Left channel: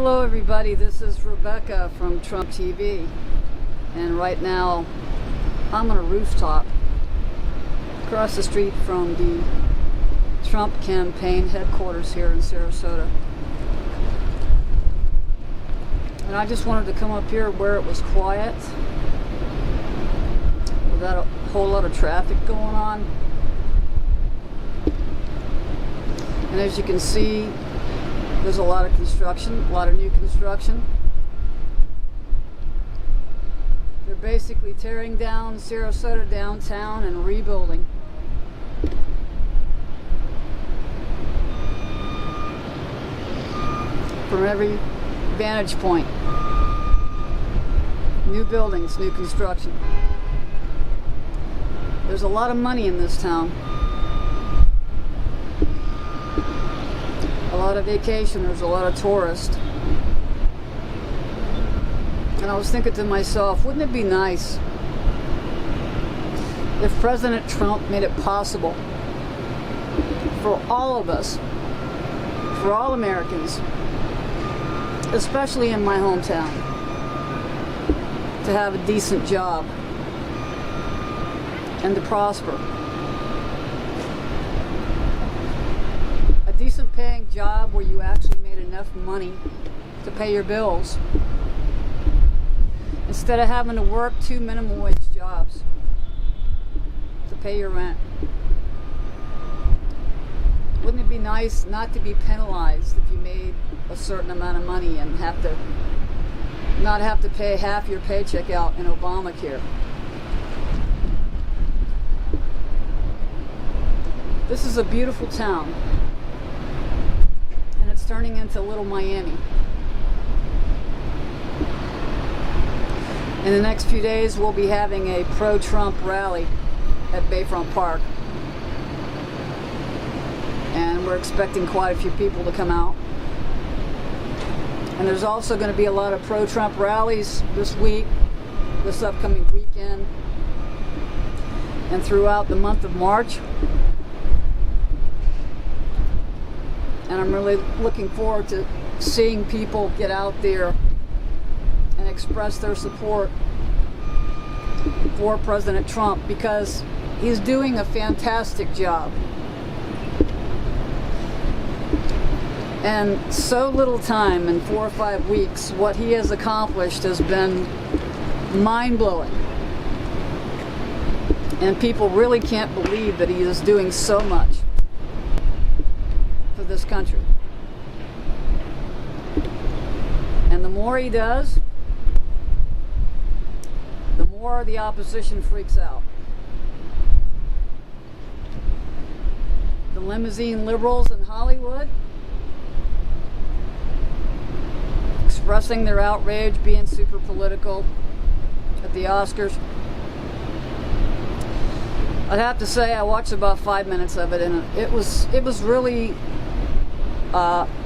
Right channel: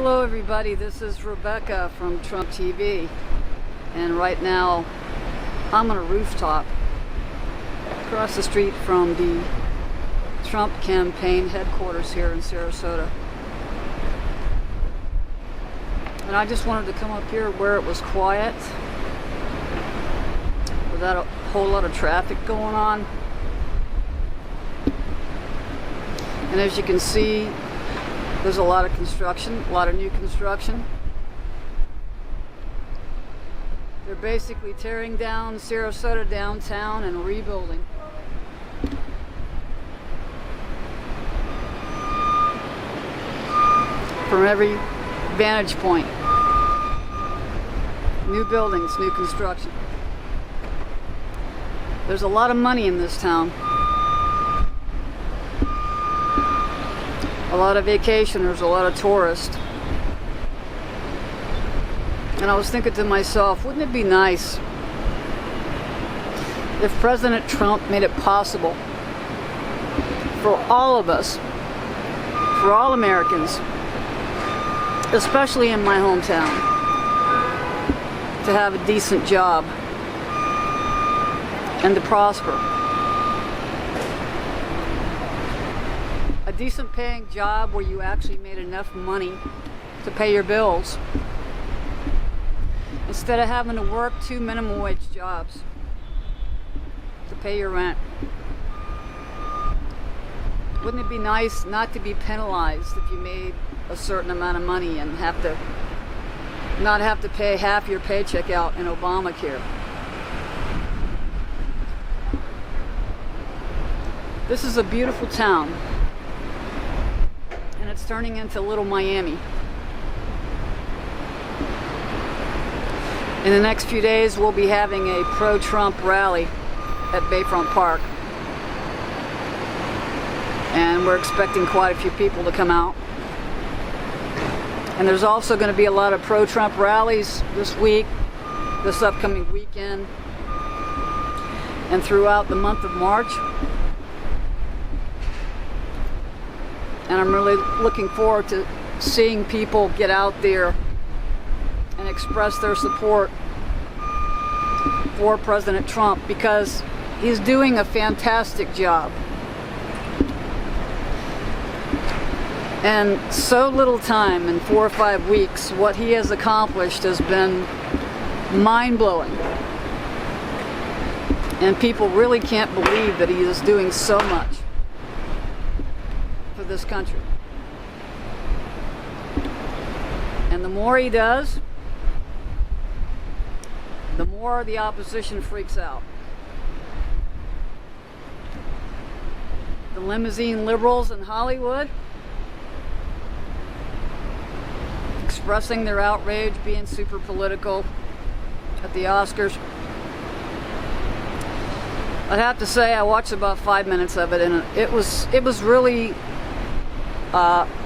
Hello everybody, this is Rebecca from Trump TV, and right now I'm on a rooftop across the street from the Trump campaign headquarters here in Sarasota. And I just wanted to come up here where it was quiet, without a whole lot of traffic going on. And as you can see, there's a lot of construction, a lot of new construction. They're basically tearing down Sarasota downtown and rebuilding. From every vantage point. New buildings, new construction. There's a lot of money in this town. A lot of vacationers, a lot of tourists. And I was thinking to myself, wouldn't it be nice if President Trump made it possible for all of us, for all Americans, especially in my hometown, to have a decent job and to prosper. A decent paying job where you actually made enough money to pay your bills, instead of having to work 2 minimum wage jobs to pay your rent. Wouldn't it be nice not to be penalized if you made a certain amount of money and not have to pay half your paycheck out in Obamacare? This is a beautiful town, and it's turning into Little Miami. In the next few days, we'll be having a pro-Trump rally at Bayfront Park, and we're expecting quite a few people to come out. And there's also going to be a lot of pro-Trump rallies this week, this upcoming weekend, and throughout the month of March. And I'm really looking forward to seeing people get out there and express their support for President Trump, because he's doing a fantastic job. And so little time, in 4 or 5 weeks, what he has accomplished has been mind-blowing. And people really can't believe that he is doing so much for this country. And the more he does, the more the opposition freaks out. The limousine liberals in Hollywood expressing their outrage, being super political at the Oscars. I'd have to say I watched about 5 minutes of it, and it was really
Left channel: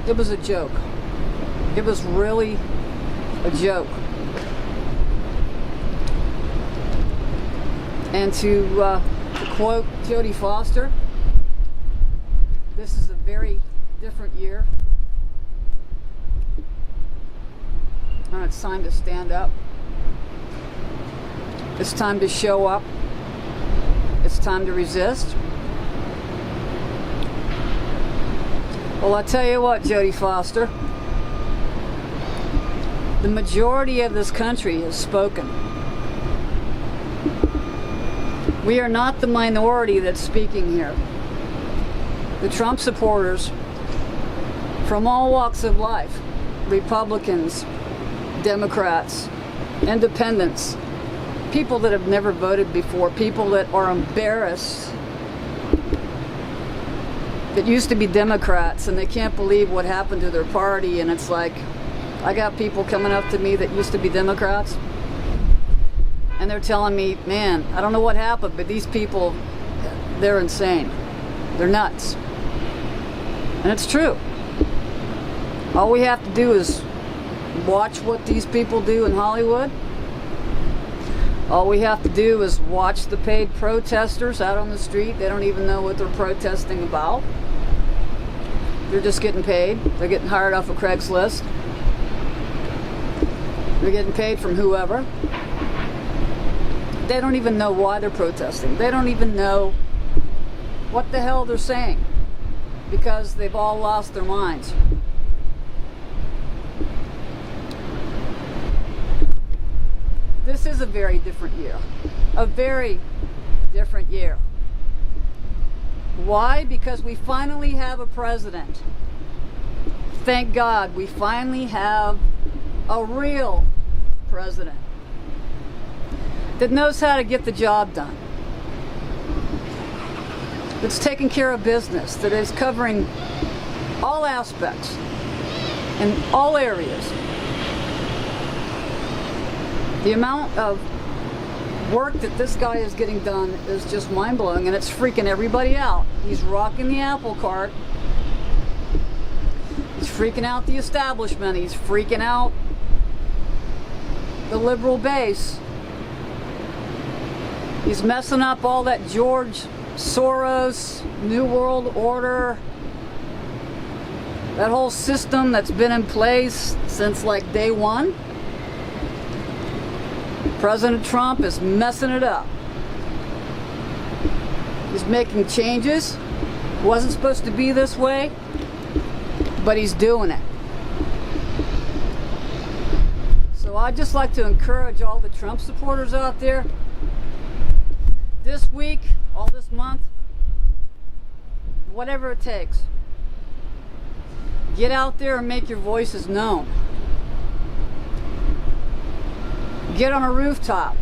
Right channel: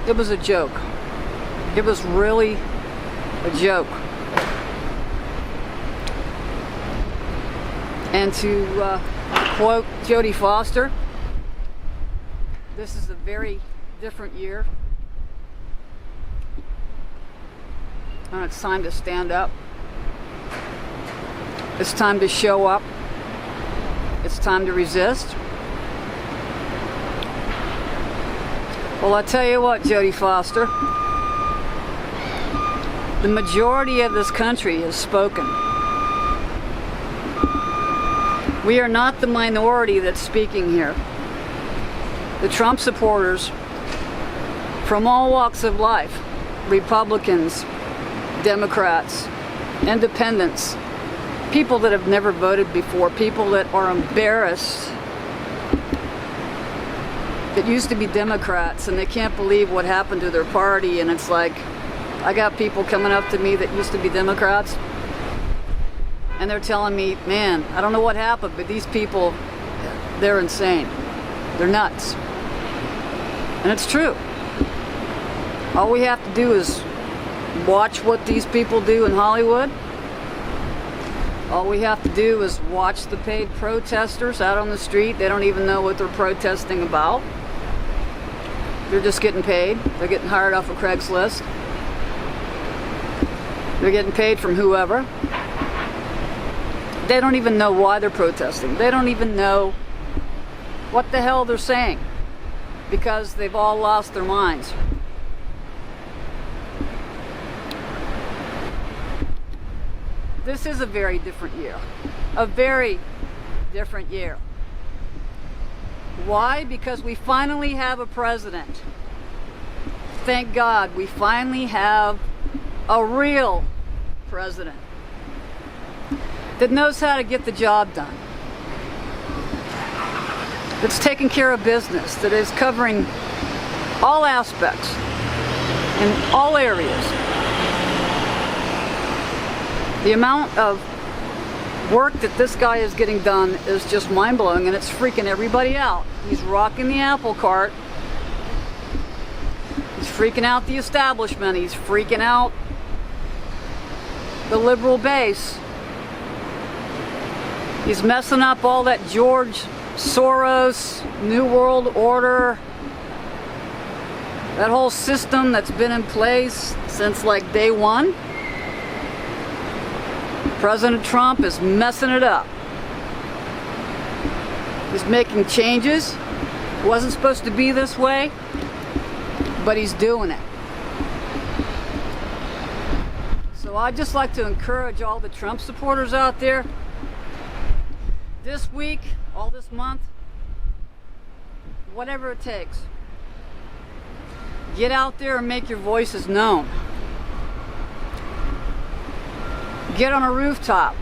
it was a joke. It was really a joke. And to quote Jodie Foster, this is a very different year. And it's time to stand up. It's time to show up. It's time to resist. Well, I tell you what, Jodie Foster, the majority of this country has spoken. We are not the minority that's speaking here. The Trump supporters from all walks of life, Republicans, Democrats, independents, people that have never voted before, people that are embarrassed, that used to be Democrats and they can't believe what happened to their party. And it's like, I got people coming up to me that used to be Democrats, and they're telling me, man, I don't know what happened, but these people, they're insane. They're nuts. And it's true. All we have to do is watch what these people do in Hollywood. All we have to do is watch the paid protesters out on the street. They don't even know what they're protesting about. They're just getting paid. They're getting hired off of Craigslist. They're getting paid from whoever. They don't even know why they're protesting. They don't even know what the hell they're saying, because they've all lost their minds. This is a very different year. A very different year. Why? Because we finally have a president. Thank God we finally have a real president that knows how to get the job done, that's taking care of business, that is covering all aspects in all areas. The amount of work that this guy is getting done is just mind-blowing, and it's freaking everybody out. He's rocking the apple cart. He's freaking out the establishment. He's freaking out the liberal base. He's messing up all that George Soros, New World Order, that whole system that's been in place since like day one. President Trump is messing it up. He's making changes. It wasn't supposed to be this way, but he's doing it. So I'd just like to encourage all the Trump supporters out there, this week, all this month, whatever it takes, get out there and make your voices known. Get on a rooftop.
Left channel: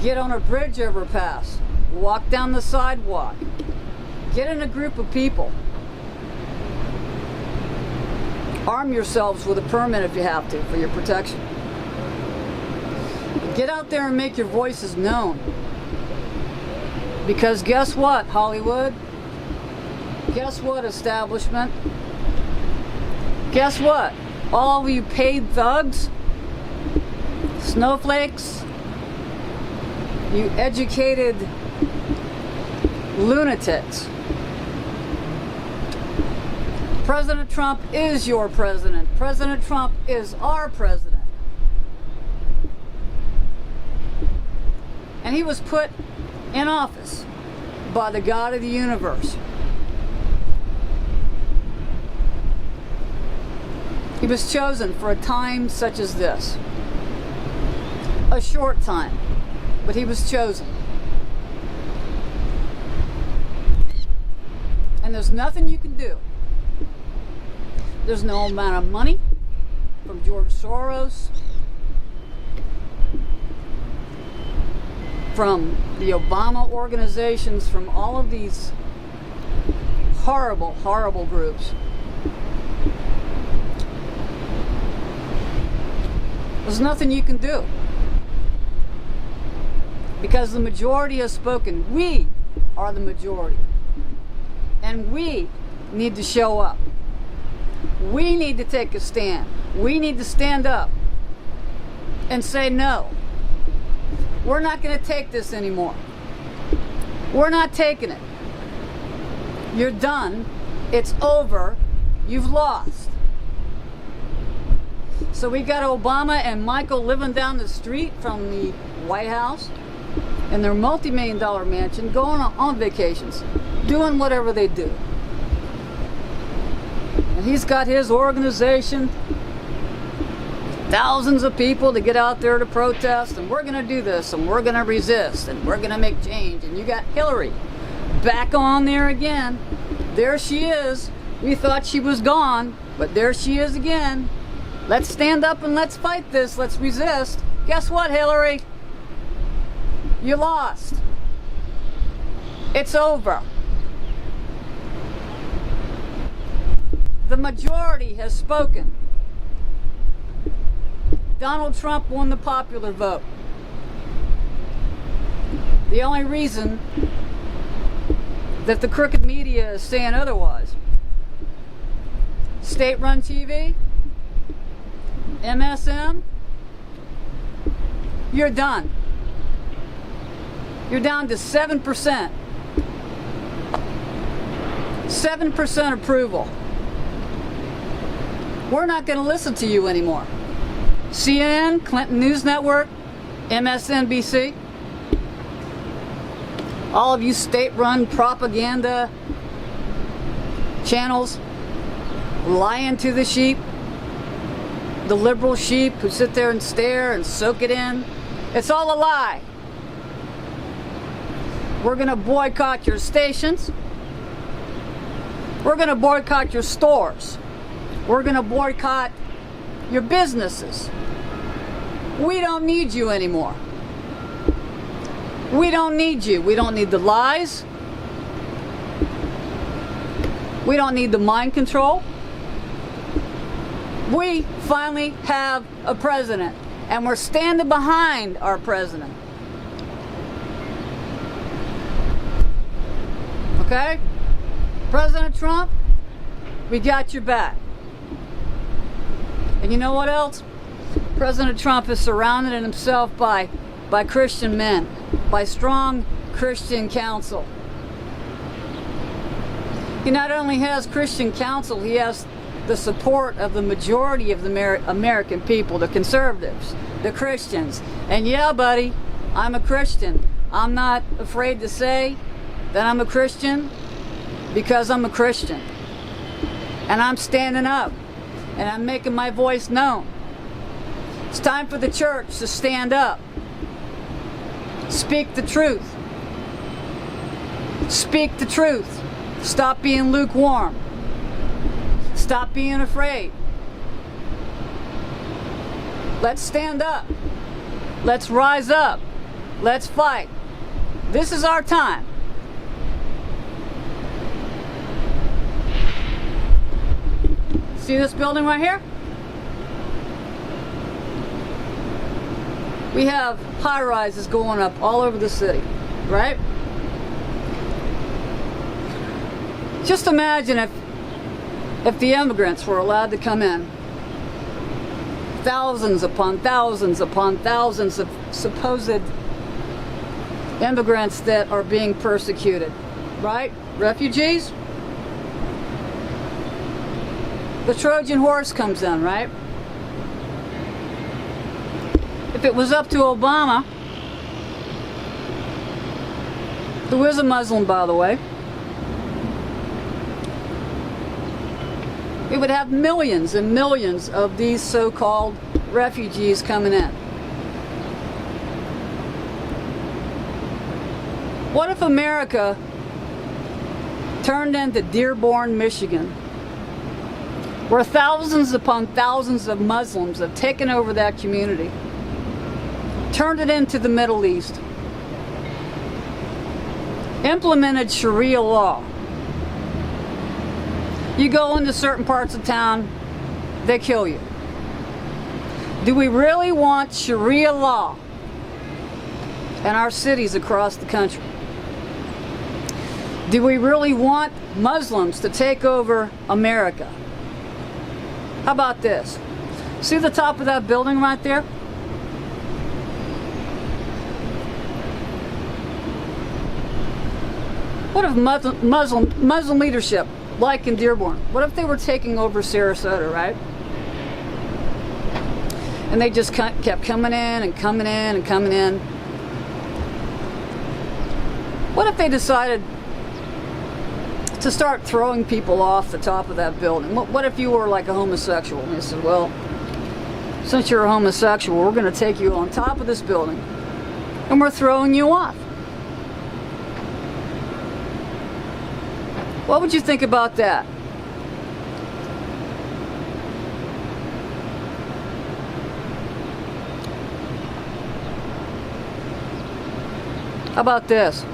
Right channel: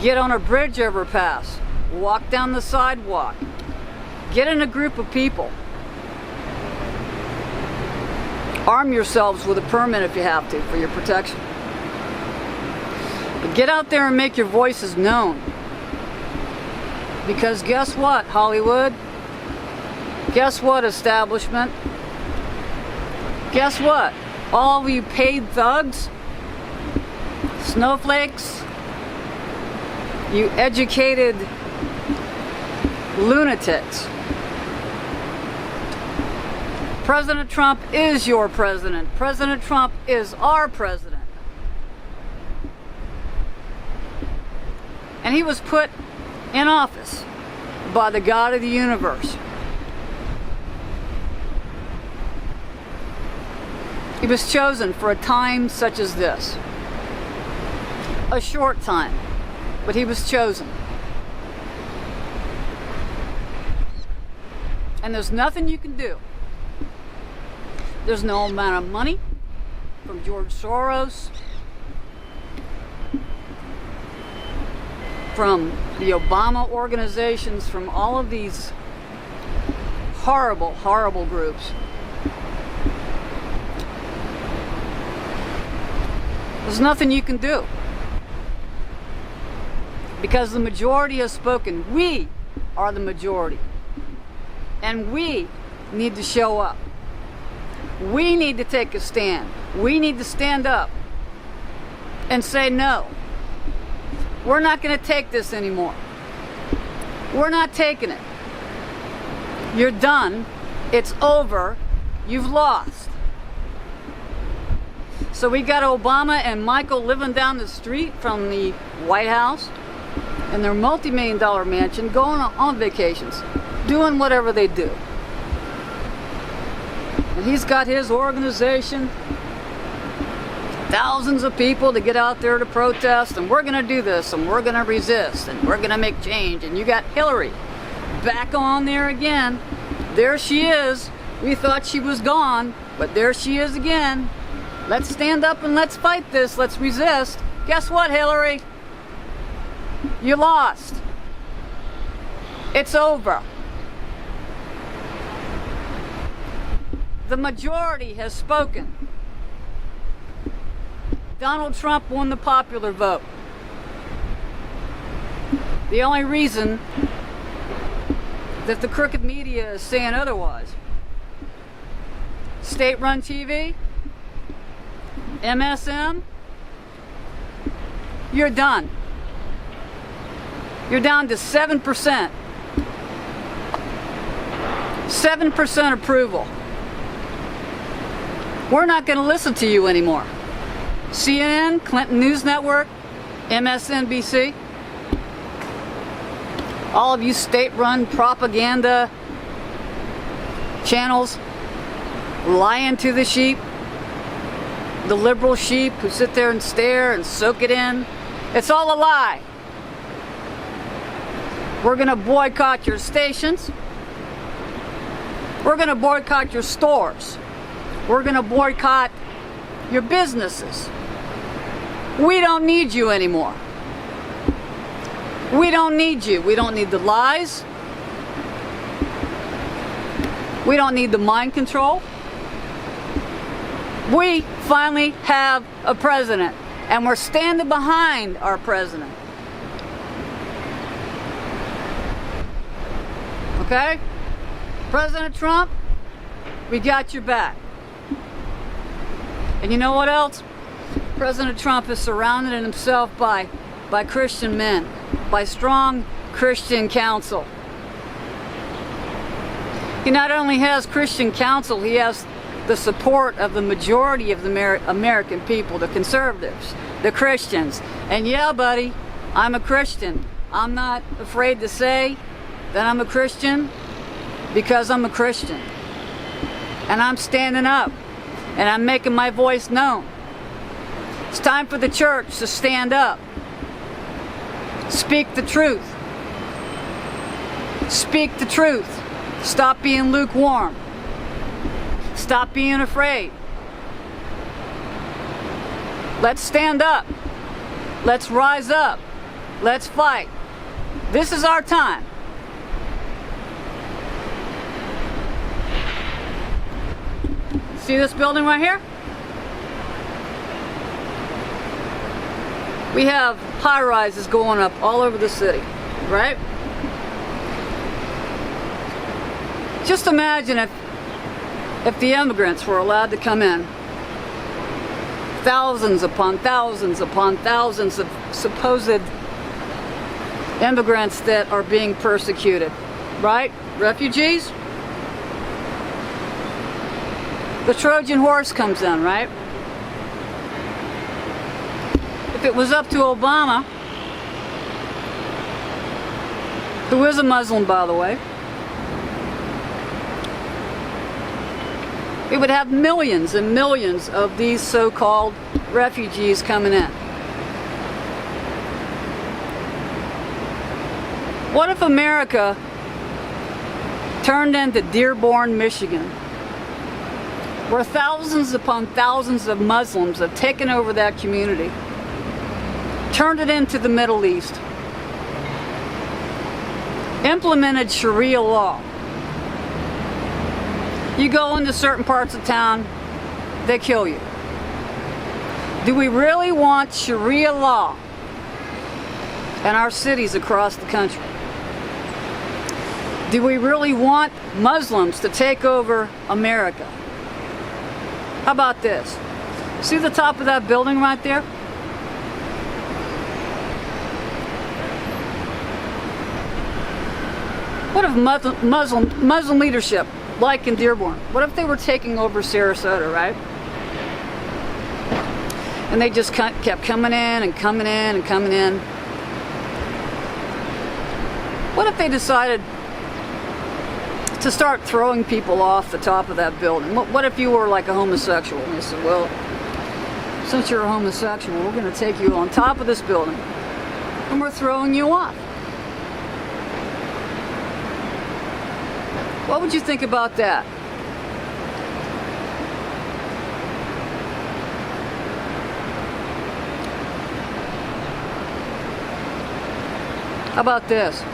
Get on a bridge overpass. Walk down the sidewalk. Get in a group of people. Arm yourselves with a permit if you have to, for your protection. But get out there and make your voices known. Because guess what, Hollywood? Guess what, establishment? Guess what? All of you paid thugs, snowflakes, you educated lunatics. President Trump is your president. President Trump is our president. And he was put in office by the God of the universe. He was chosen for a time such as this. A short time, but he was chosen. And there's nothing you can do. There's no amount of money from George Soros, from the Obama organizations, from all of these horrible, horrible groups. There's nothing you can do. Because the majority has spoken. We are the majority. And we need to show up. We need to take a stand. We need to stand up and say no. We're not going to take this anymore. We're not taking it. You're done. It's over. You've lost. So we got Obama and Michael living down the street from the White House in their multi-million-dollar mansion, going on vacations, doing whatever they do. And he's got his organization, thousands of people to get out there to protest, and we're going to do this, and we're going to resist, and we're going to make change. And you got Hillary back on there again. There she is. We thought she was gone, but there she is again. Let's stand up and let's fight this. Let's resist. Guess what, Hillary? You lost. It's over. The majority has spoken. Donald Trump won the popular vote. The only reason that the crooked media is saying otherwise, state-run TV, MSM, you're done. You're down to 7%. 7% approval. We're not going to listen to you anymore. CNN, Clinton News Network, MSNBC, all of you state-run propaganda channels lying to the sheep, the liberal sheep who sit there and stare and soak it in. It's all a lie. We're going to boycott your stations. We're going to boycott your stores. We're going to boycott your businesses. We don't need you anymore. We don't need you. We don't need the lies. We don't need the mind control. We finally have a president, and we're standing behind our president. Okay? President Trump, we got your back. And you know what else? President Trump has surrounded himself by Christian men, by strong Christian counsel. He not only has Christian counsel, he has the support of the majority of the American people, the conservatives, the Christians. And yeah, buddy, I'm a Christian. I'm not afraid to say that I'm a Christian because I'm a Christian. And I'm standing up and I'm making my voice known. It's time for the church to stand up. Speak the truth. Speak the truth. Stop being lukewarm. Stop being afraid. Let's stand up. Let's rise up. Let's fight. This is our time. See this building right here? We have high-rises going up all over the city, right? Just imagine if the immigrants were allowed to come in. Thousands upon thousands upon thousands of supposed immigrants that are being persecuted, right? Refugees. The Trojan horse comes in, right? If it was up to Obama, who is a Muslim, by the way, we would have millions and millions of these so-called refugees coming in. What if America turned into Dearborn, Michigan, where thousands upon thousands of Muslims have taken over that community, turned it into the Middle East, implemented Sharia law? You go into certain parts of town, they kill you. Do we really want Sharia law in our cities across the country? Do we really want Muslims to take over America? How about this? See the top of that building right there? What if Muslim leadership, like in Dearborn, what if they were taking over Sarasota, right? And they just kept coming in and coming in and coming in. What if they decided to start throwing people off the top of that building? What if you were like a homosexual and they said, well, since you're a homosexual, we're going to take you on top of this building and we're throwing you off? What would you think about that? How about this?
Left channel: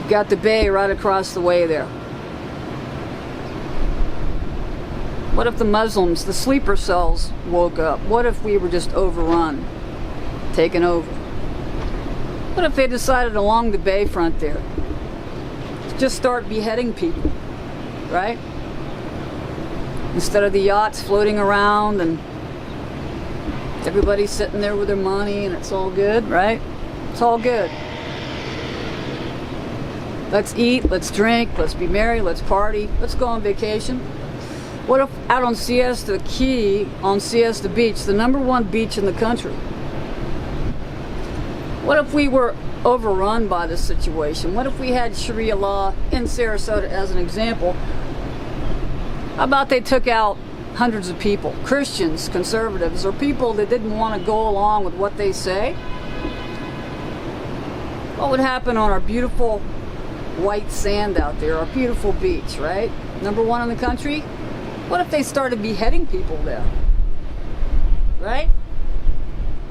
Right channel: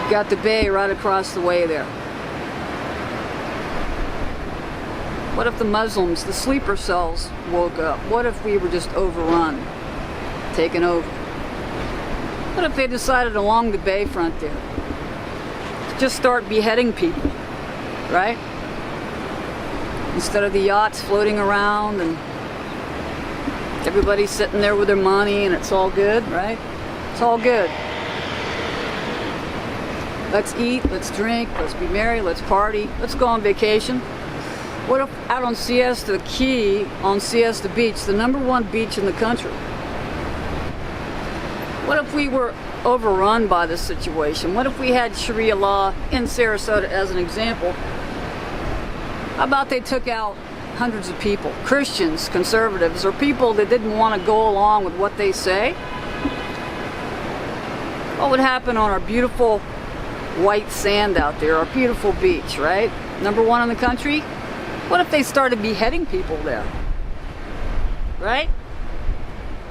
You've got the bay right across the way there. What if the Muslims, the sleeper cells, woke up? What if we were just overrun, taken over? What if they decided along the bayfront there just start beheading people, right? Instead of the yachts floating around and everybody's sitting there with their money and it's all good, right? It's all good. Let's eat, let's drink, let's be merry, let's party, let's go on vacation. What if out on Siesta Key, on Siesta Beach, the #1 beach in the country, what if we were overrun by this situation? What if we had Sharia law in Sarasota as an example? How about they took out hundreds of people, Christians, conservatives, or people that didn't want to go along with what they say? What would happen on our beautiful white sand out there, our beautiful beach, right? #1 in the country? What if they started beheading people there? Right?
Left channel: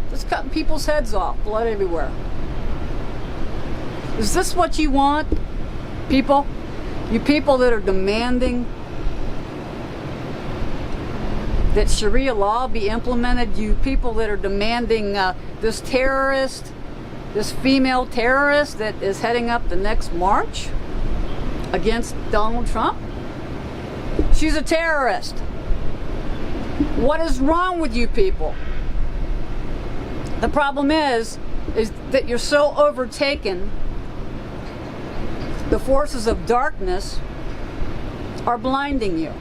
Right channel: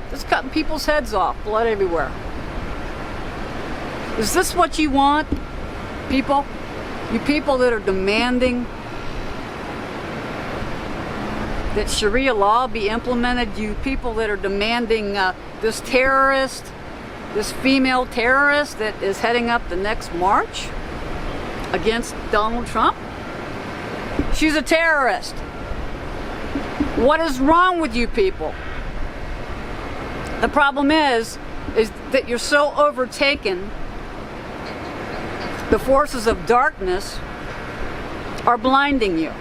Just cutting people's heads off, blood everywhere. Is this what you want, people? You people that are demanding that Sharia law be implemented, you people that are demanding this terrorist, this female terrorist that is heading up the next march against Donald Trump? She's a terrorist. What is wrong with you people? The problem is that you're so overtaken. The forces of darkness are blinding you,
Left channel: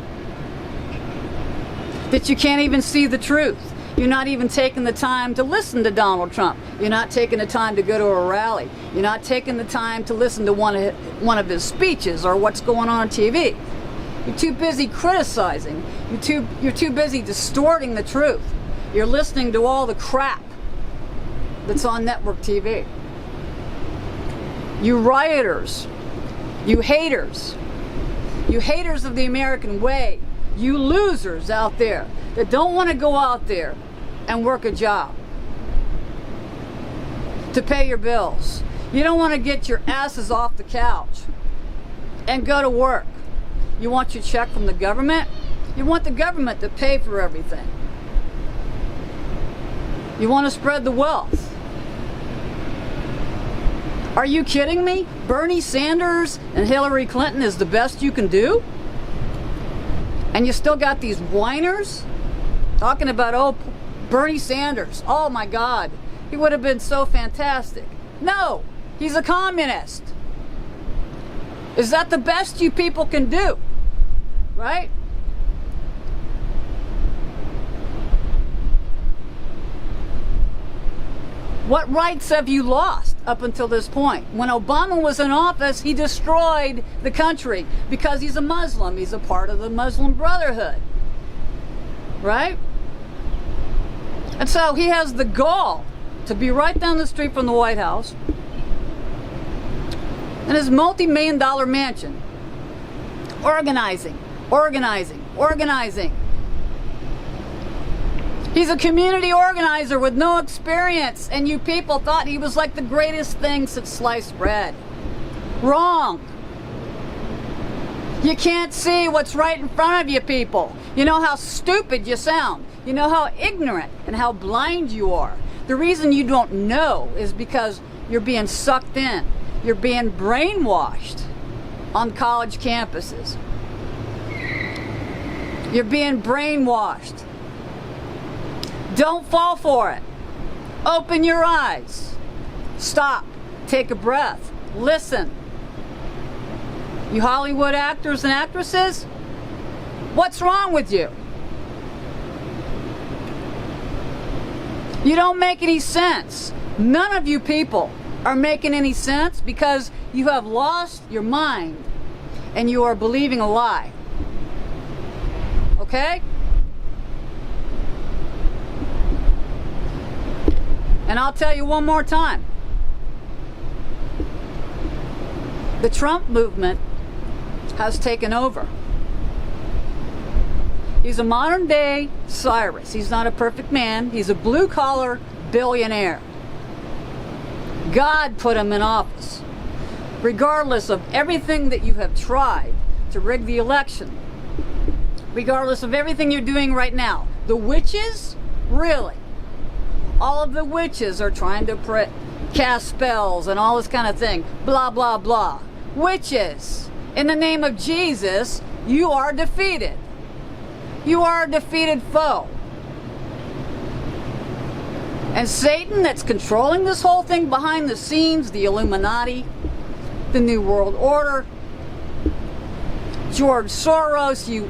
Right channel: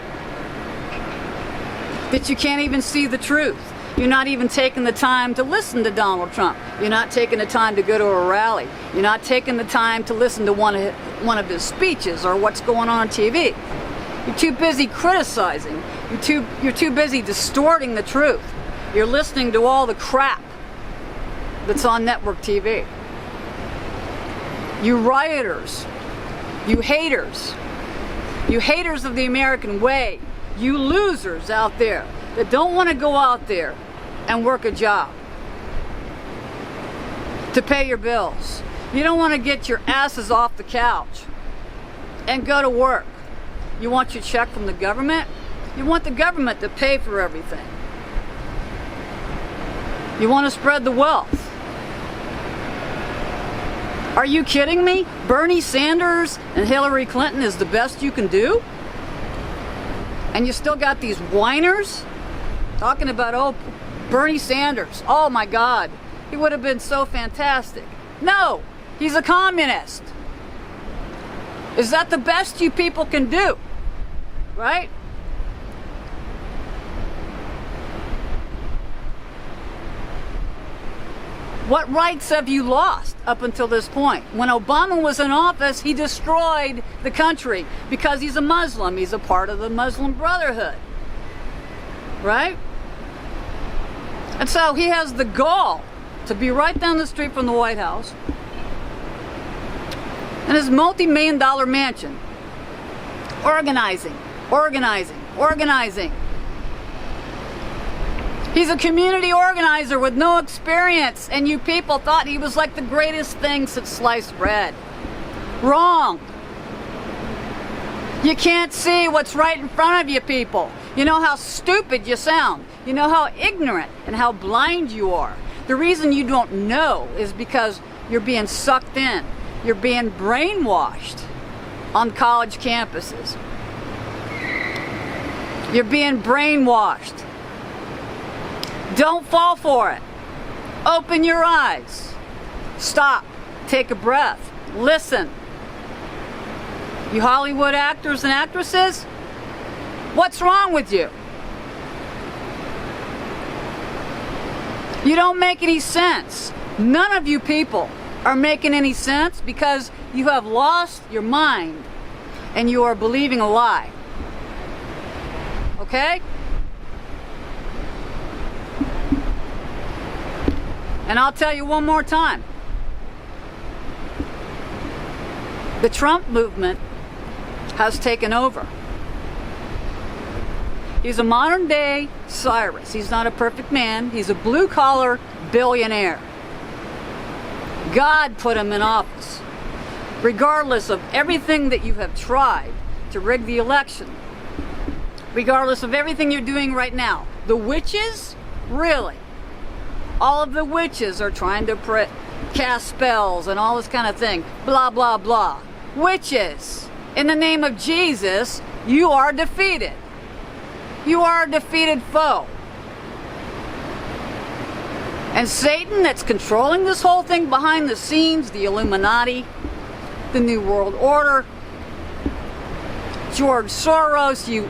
that you can't even see the truth. You're not even taking the time to listen to Donald Trump. You're not taking the time to go to a rally. You're not taking the time to listen to one of his speeches or what's going on TV. You're too busy criticizing. You're too busy distorting the truth. You're listening to all the crap that's on network TV. You rioters, you haters of the American way, you losers out there that don't want to go out there and work a job to pay your bills. You don't want to get your asses off the couch and go to work. You want your check from the government? You want the government to pay for everything. You want to spread the wealth. Are you kidding me? Bernie Sanders and Hillary Clinton is the best you can do? And you still got these whiners talking about, oh, Bernie Sanders, oh my God, he would have been so fantastic. No, he's a communist. Is that the best you people can do? Right? What rights have you lost up until this point? When Obama was in office, he destroyed the country because he's a Muslim. He's a part of the Muslim Brotherhood. Right? And so he has the gall to be right down the street from the White House in his multi-million-dollar mansion, organizing. He's a community organizer with no experience, and you people thought he was like the greatest thing since sliced bread. Wrong. You can't see what's right in front of you, people. You know how stupid you sound. You know how ignorant and how blind you are. The reason you don't know is because you're being sucked in. You're being brainwashed on college campuses. You're being brainwashed. Don't fall for it. Open your eyes. Stop. Take a breath. Listen. You Hollywood actors and actresses, what's wrong with you? You don't make any sense. None of you people are making any sense because you have lost your mind and you are believing a lie. Okay? And I'll tell you one more time. The Trump movement has taken over. He's a modern day Cyrus. He's not a perfect man. He's a blue-collar billionaire. God put him in office. Regardless of everything that you have tried to rig the election, regardless of everything you're doing right now, the witches, really, all of the witches are trying to cast spells and all this kind of thing. Blah, blah, blah. Witches, in the name of Jesus, you are defeated. You are a defeated foe. And Satan, that's controlling this whole thing behind the scenes, the Illuminati, the New World Order, George Soros, you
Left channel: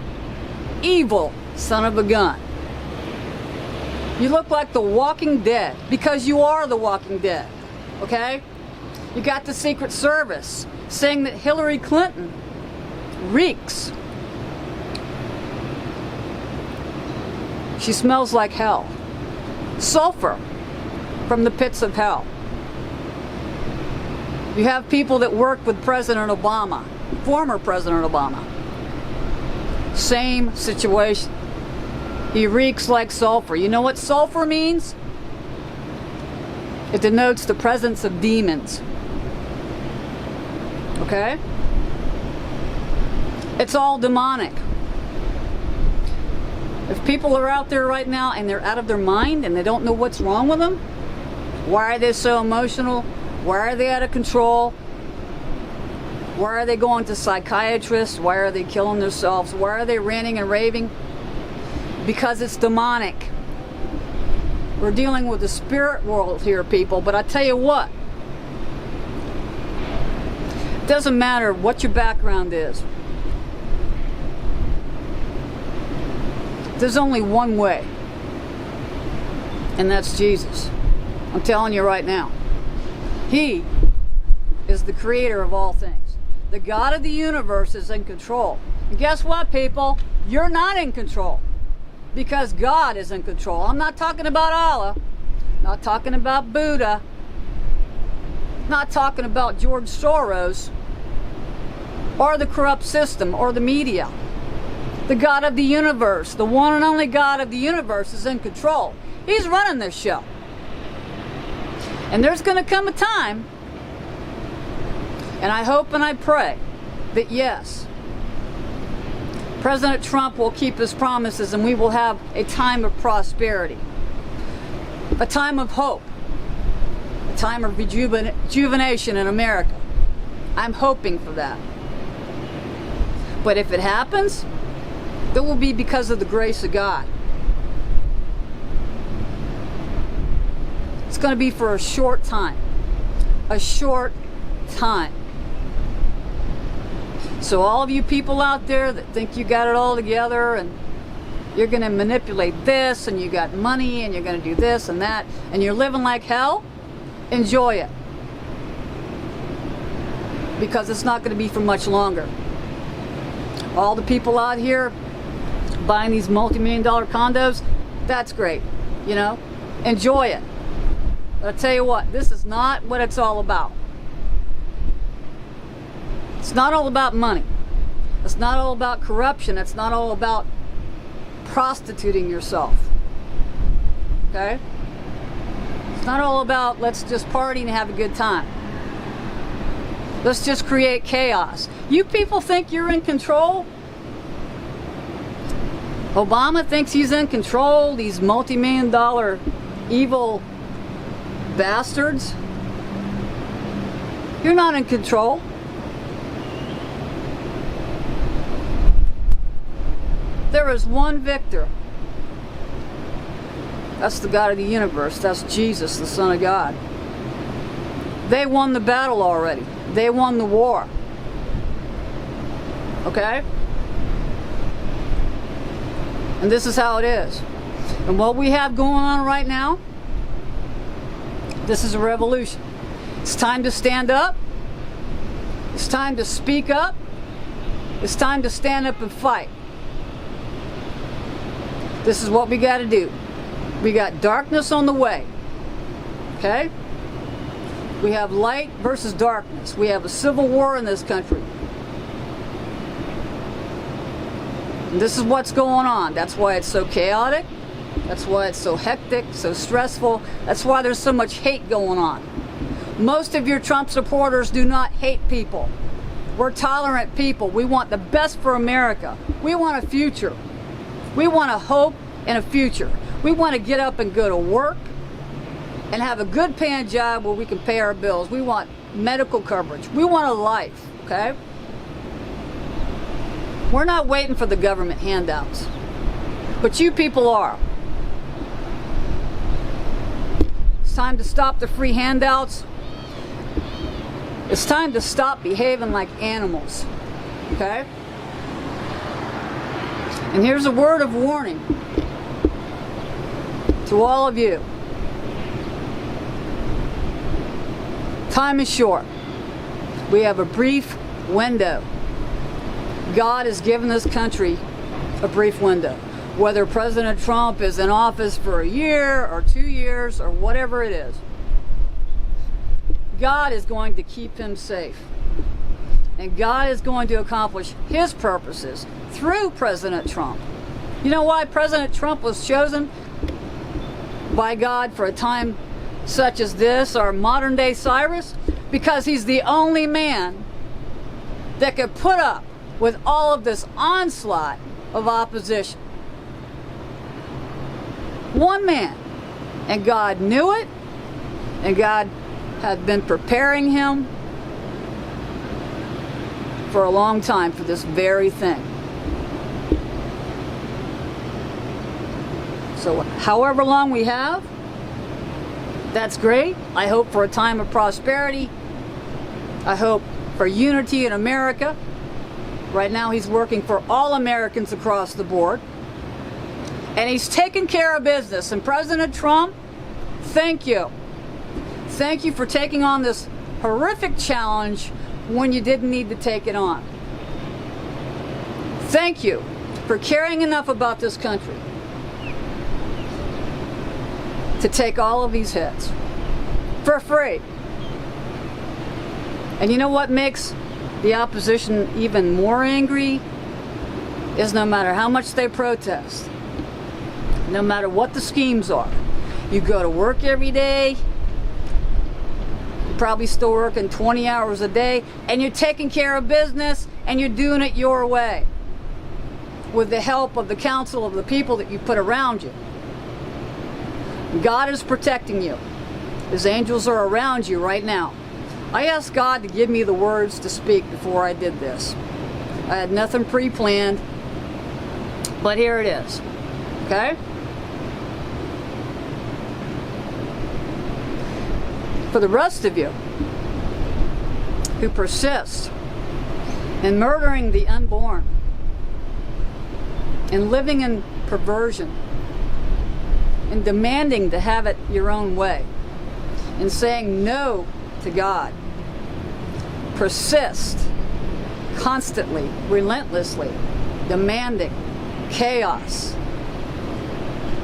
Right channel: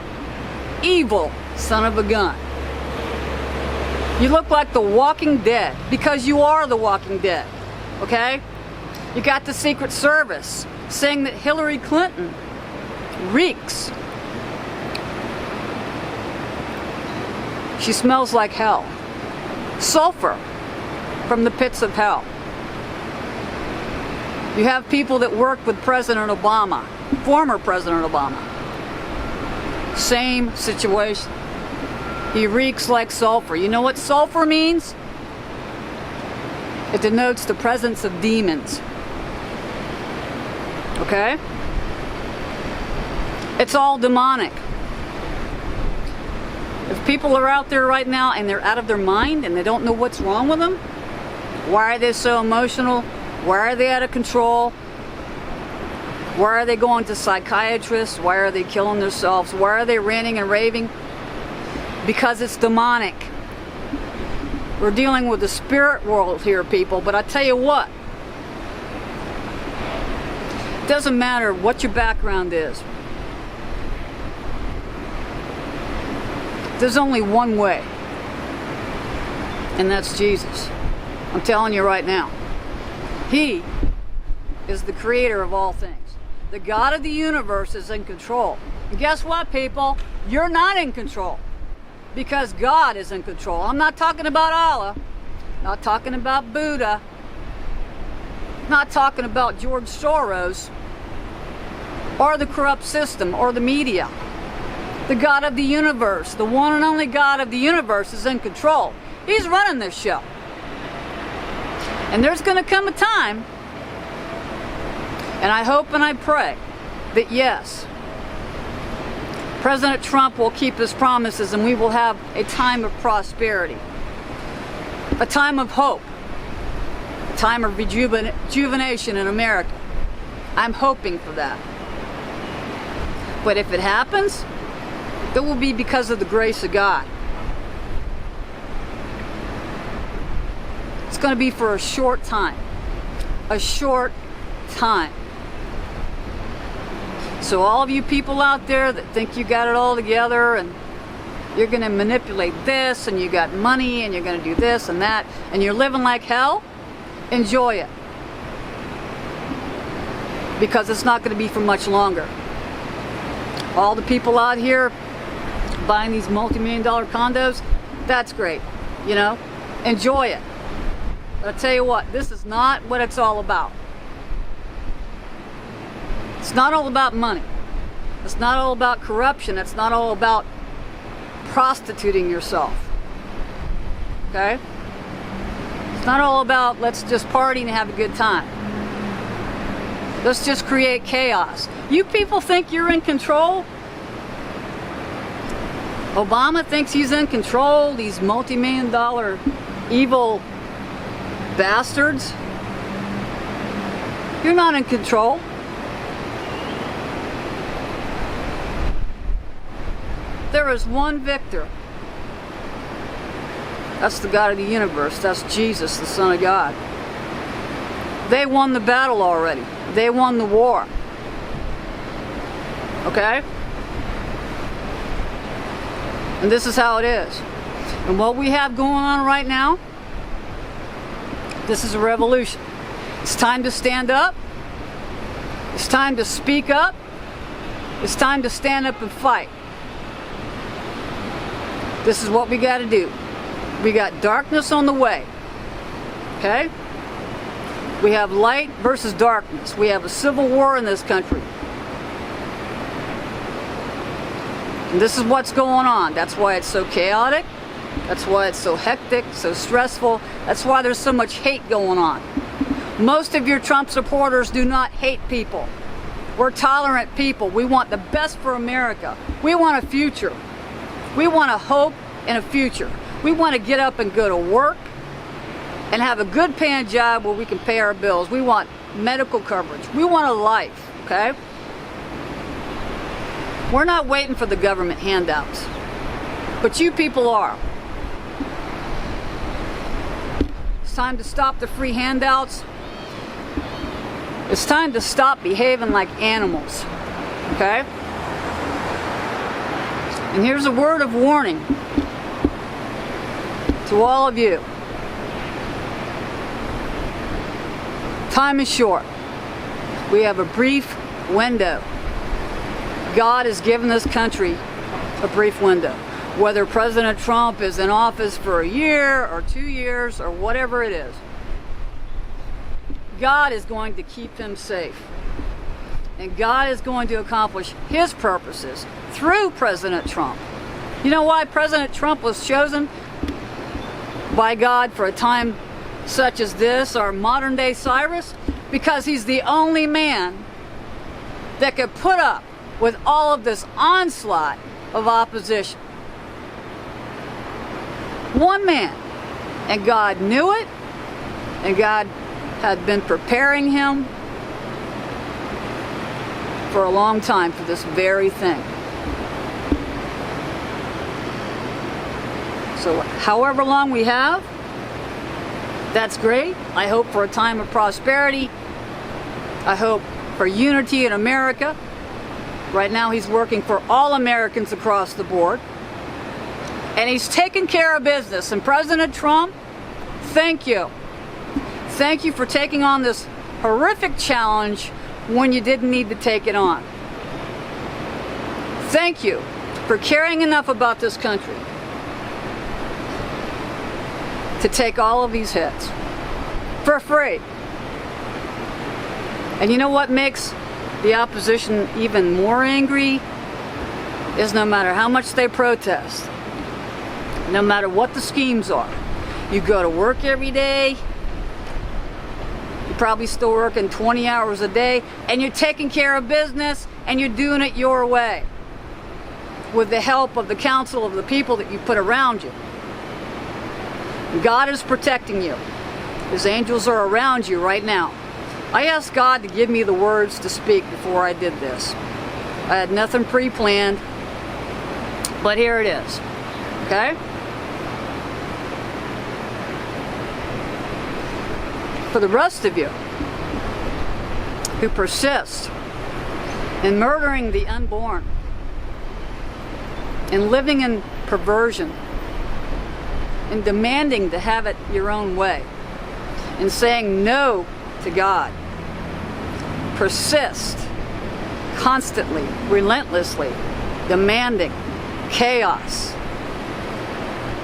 evil son of a gun. You look like the Walking Dead because you are the Walking Dead, okay? You got the Secret Service saying that Hillary Clinton reeks. She smells like hell. Sulfur from the pits of hell. You have people that worked with President Obama, former President Obama. Same situation. He reeks like sulfur. You know what sulfur means? It denotes the presence of demons. Okay? It's all demonic. If people are out there right now and they're out of their mind and they don't know what's wrong with them, why are they so emotional? Why are they out of control? Why are they going to psychiatrists? Why are they killing themselves? Why are they ranting and raving? Because it's demonic. We're dealing with the spirit world here, people, but I tell you what, it doesn't matter what your background is. There's only one way, and that's Jesus. I'm telling you right now. He is the creator of all things. The God of the universe is in control. And guess what, people? You're not in control. Because God is in control. I'm not talking about Allah. Not talking about Buddha. Not talking about George Soros. Or the corrupt system. Or the media. The God of the universe. The one and only God of the universe is in control. He's running this show. And there's going to come a time, and I hope and I pray that yes, President Trump will keep his promises and we will have a time of prosperity, a time of hope, a time of rejuvenation in America. I'm hoping for that. But if it happens, it will be because of the grace of God. It's going to be for a short time. A short time. So all of you people out there that think you got it all together and you're going to manipulate this and you got money and you're going to do this and that and you're living like hell, enjoy it. Because it's not going to be for much longer. All the people out here buying these multi-million-dollar condos, that's great. You know, enjoy it. But I tell you what, this is not what it's all about. It's not all about money. It's not all about corruption. It's not all about prostituting yourself. Okay? It's not all about let's just party and have a good time. Let's just create chaos. You people think you're in control? Obama thinks he's in control, these multi-million-dollar evil bastards. You're not in control. There is one victor. That's the God of the universe. That's Jesus, the Son of God. They won the battle already. They won the war. Okay? And this is how it is. And what we have going on right now, this is a revolution. It's time to stand up. It's time to speak up. It's time to stand up and fight. This is what we got to do. We got darkness on the way. Okay? We have light versus darkness. We have a civil war in this country. And this is what's going on. That's why it's so chaotic. That's why it's so hectic, so stressful. That's why there's so much hate going on. Most of your Trump supporters do not hate people. We're tolerant people. We want the best for America. We want a future. We want a hope and a future. We want to get up and go to work and have a good paying job where we can pay our bills. We want medical coverage. We want a life, okay? We're not waiting for the government handouts, but you people are. It's time to stop the free handouts. It's time to stop behaving like animals, okay? And here's a word of warning to all of you. Time is short. We have a brief window. God has given this country a brief window. Whether President Trump is in office for a year or 2 years or whatever it is, God is going to keep him safe. And God is going to accomplish his purposes through President Trump. You know why President Trump was chosen by God for a time such as this, our modern day Cyrus? Because he's the only man that could put up with all of this onslaught of opposition. One man. And God knew it, and God had been preparing him for a long time for this very thing. So however long we have, that's great. I hope for a time of prosperity. I hope for unity in America. Right now he's working for all Americans across the board. And he's taking care of business. And President Trump, thank you. Thank you for taking on this horrific challenge when you didn't need to take it on. Thank you for caring enough about this country to take all of these hits for free. And you know what makes the opposition even more angry is no matter how much they protest, no matter what the schemes are, you go to work every day, you're probably still working 20 hours a day, and you're taking care of business, and you're doing it your way with the help of the counsel of the people that you put around you. God is protecting you. His angels are around you right now. I asked God to give me the words to speak before I did this. I had nothing pre-planned, but here it is. Okay? For the rest of you who persist in murdering the unborn and living in perversion and demanding to have it your own way and saying no to God, persist constantly, relentlessly, demanding chaos.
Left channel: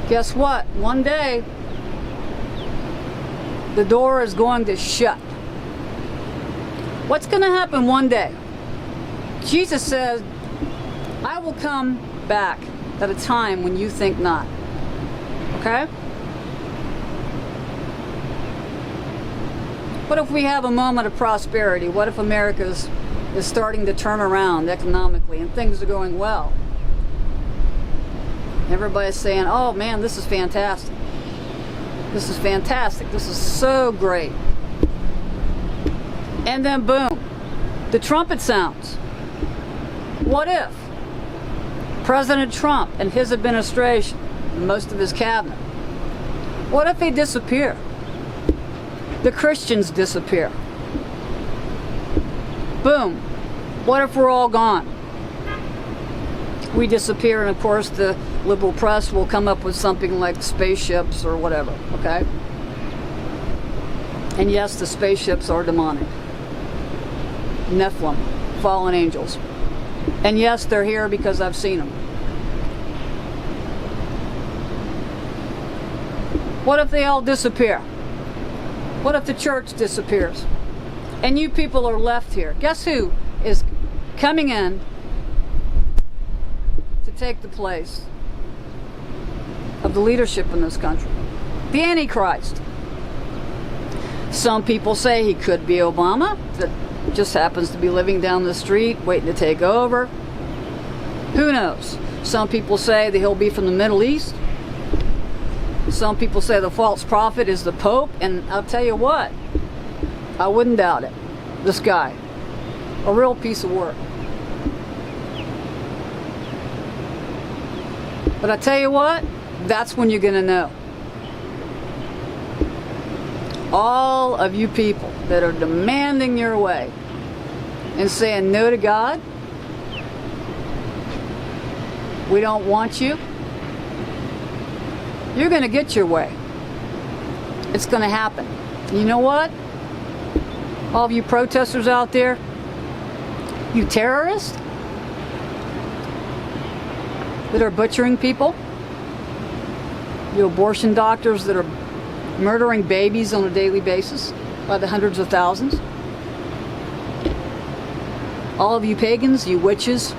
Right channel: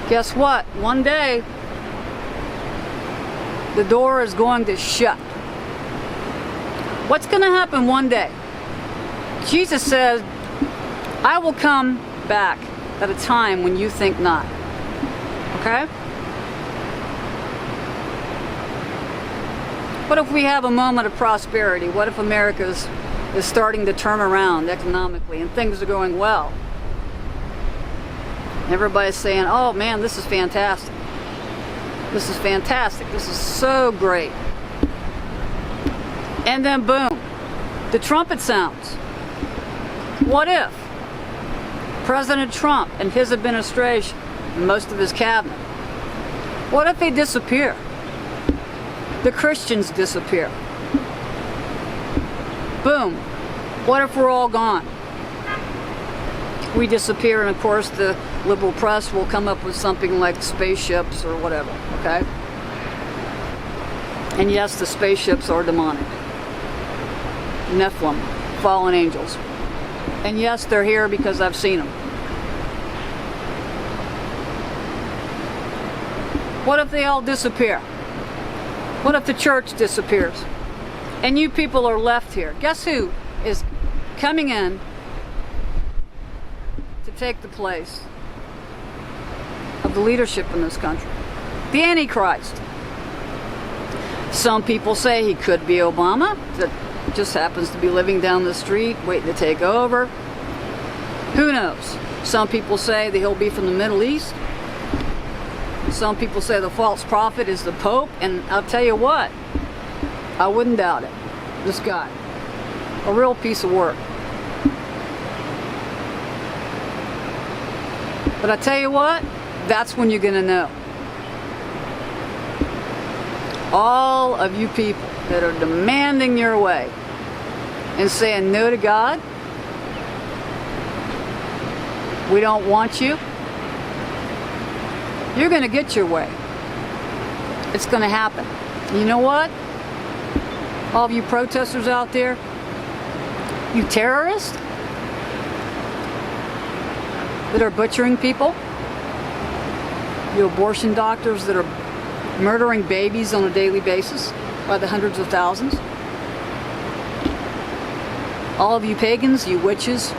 Guess what? One day, the door is going to shut. What's going to happen one day? Jesus said, I will come back at a time when you think not. Okay? What if we have a moment of prosperity? What if America is starting to turn around economically and things are going well? Everybody's saying, oh man, this is fantastic. This is fantastic. This is so great. And then boom, the trumpet sounds. What if President Trump and his administration and most of his cabinet, what if they disappear? The Christians disappear. Boom. What if we're all gone? We disappear, and of course the liberal press will come up with something like spaceships or whatever, okay? And yes, the spaceships are demonic. Nephilim, fallen angels. And yes, they're here because I've seen them. What if they all disappear? What if the church disappears? And you people are left here. Guess who is coming in to take the place of the leadership in this country? The Antichrist. Some people say he could be Obama, that just happens to be living down the street, waiting to take over. Who knows? Some people say that he'll be from the Middle East. Some people say the false prophet is the Pope, and I'll tell you what, I wouldn't doubt it. This guy, a real piece of work. But I tell you what, that's when you're going to know. All of you people that are demanding your way and saying no to God, We don't want you. You're going to get your way. It's going to happen. You know what? All of you protesters out there, you terrorists that are butchering people, you abortion doctors that are murdering babies on a daily basis by the hundreds of thousands, all of you pagans, you witches,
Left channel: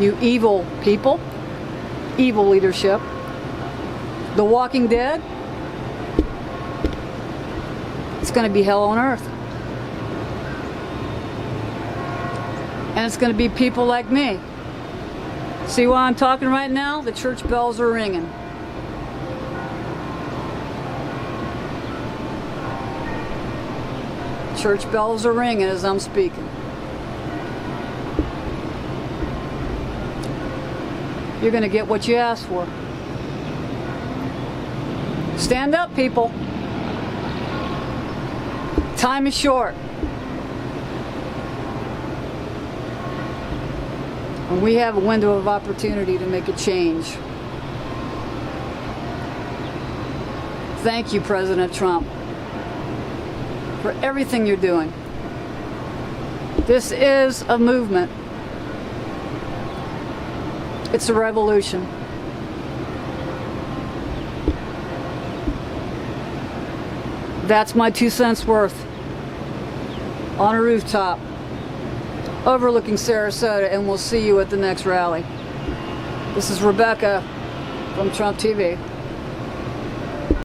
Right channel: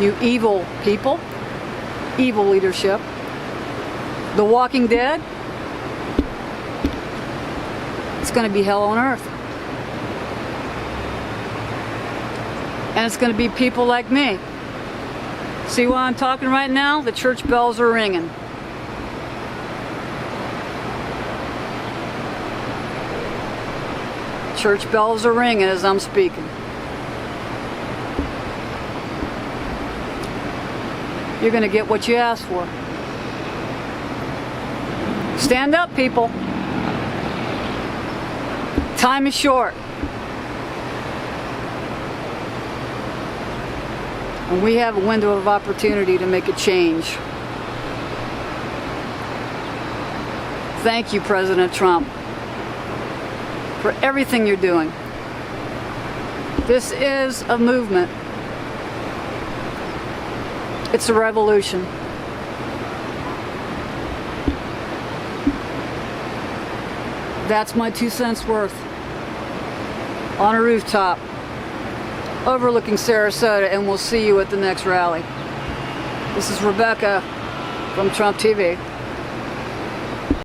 you evil people, evil leadership, The Walking Dead, it's going to be hell on earth. And it's going to be people like me. See why I'm talking right now? The church bells are ringing. Church bells are ringing as I'm speaking. You're going to get what you asked for. Stand up, people. Time is short. And we have a window of opportunity to make a change. Thank you, President Trump, for everything you're doing. This is a movement. It's a revolution. That's my 2 cents worth on a rooftop overlooking Sarasota, and we'll see you at the next rally. This is Rebecca from Trump TV.